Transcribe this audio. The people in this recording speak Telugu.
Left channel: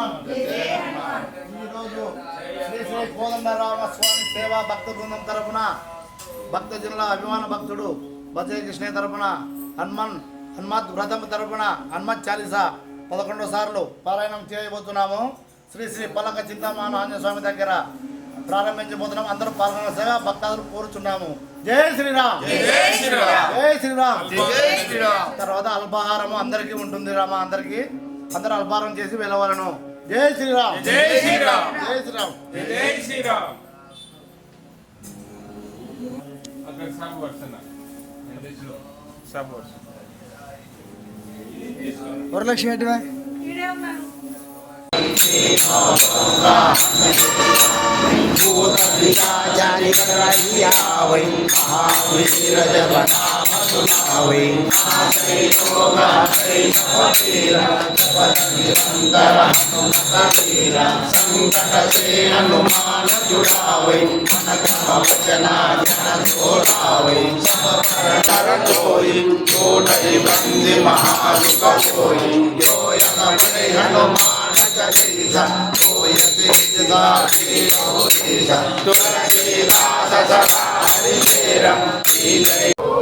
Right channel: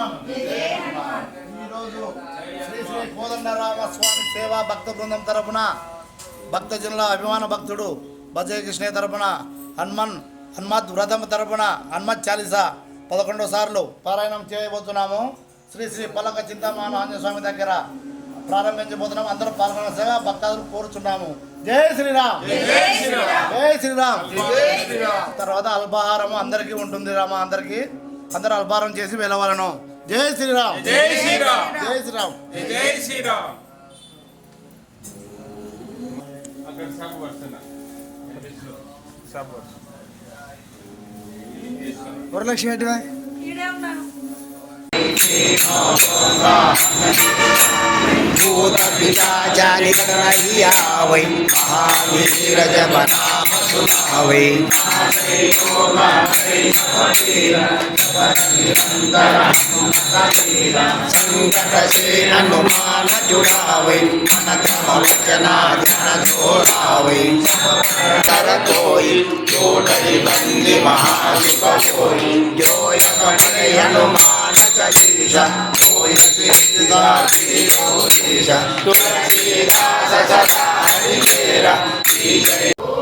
హనుమాన్. ఈరోజు శ్రీ శ్రీ కోదండరామ స్వామి సేవా భక్త బృందం తరపున భక్తజనుల అభిమాన భక్తుడు భజయ కృష్ణ తరపున హనుమాన్ హనుమత్ వ్రతం తరపున హనుమత్ చాలీసా పదకొండో సార్లు పారాయణం చేయబోతున్నాము. శ్రీ శ్రీ పలక చింతామాన ఆంజనేయ స్వామి దగ్గర ప్రారంభించబోతున్నాం అందరూ పాల్గొనగా భక్తాదులు కోరుచున్నాము. జై శ్రీరామ్. జై శ్రీరామ్. తర్వాత అల్పాహారము అందరికీ ఉంటుంది రామ అందరికీ. అందరూ అల్పాహారం చేసి వెళ్ళవలను. జై శ్రీరామ్. జై శ్రీరామ్. జై శ్రీరామ్. జై శ్రీరామ్. అక్కడ సబ్ వస్తున్నా. సబ్ వస్తున్నా. వరలక్ష్మి भूत पिताचारी कनैया वै महावीर जप नाम सुना वै संकट से हनुमान जुड़ा वै मन क्रम वचना जन जोड़ा वै तर कोई कोटि बंदी महासुख कोई जो Hanuman Sakashira, Oya Krishna, Krishna, Krishna, Sakashira, Sakashira, Krishna.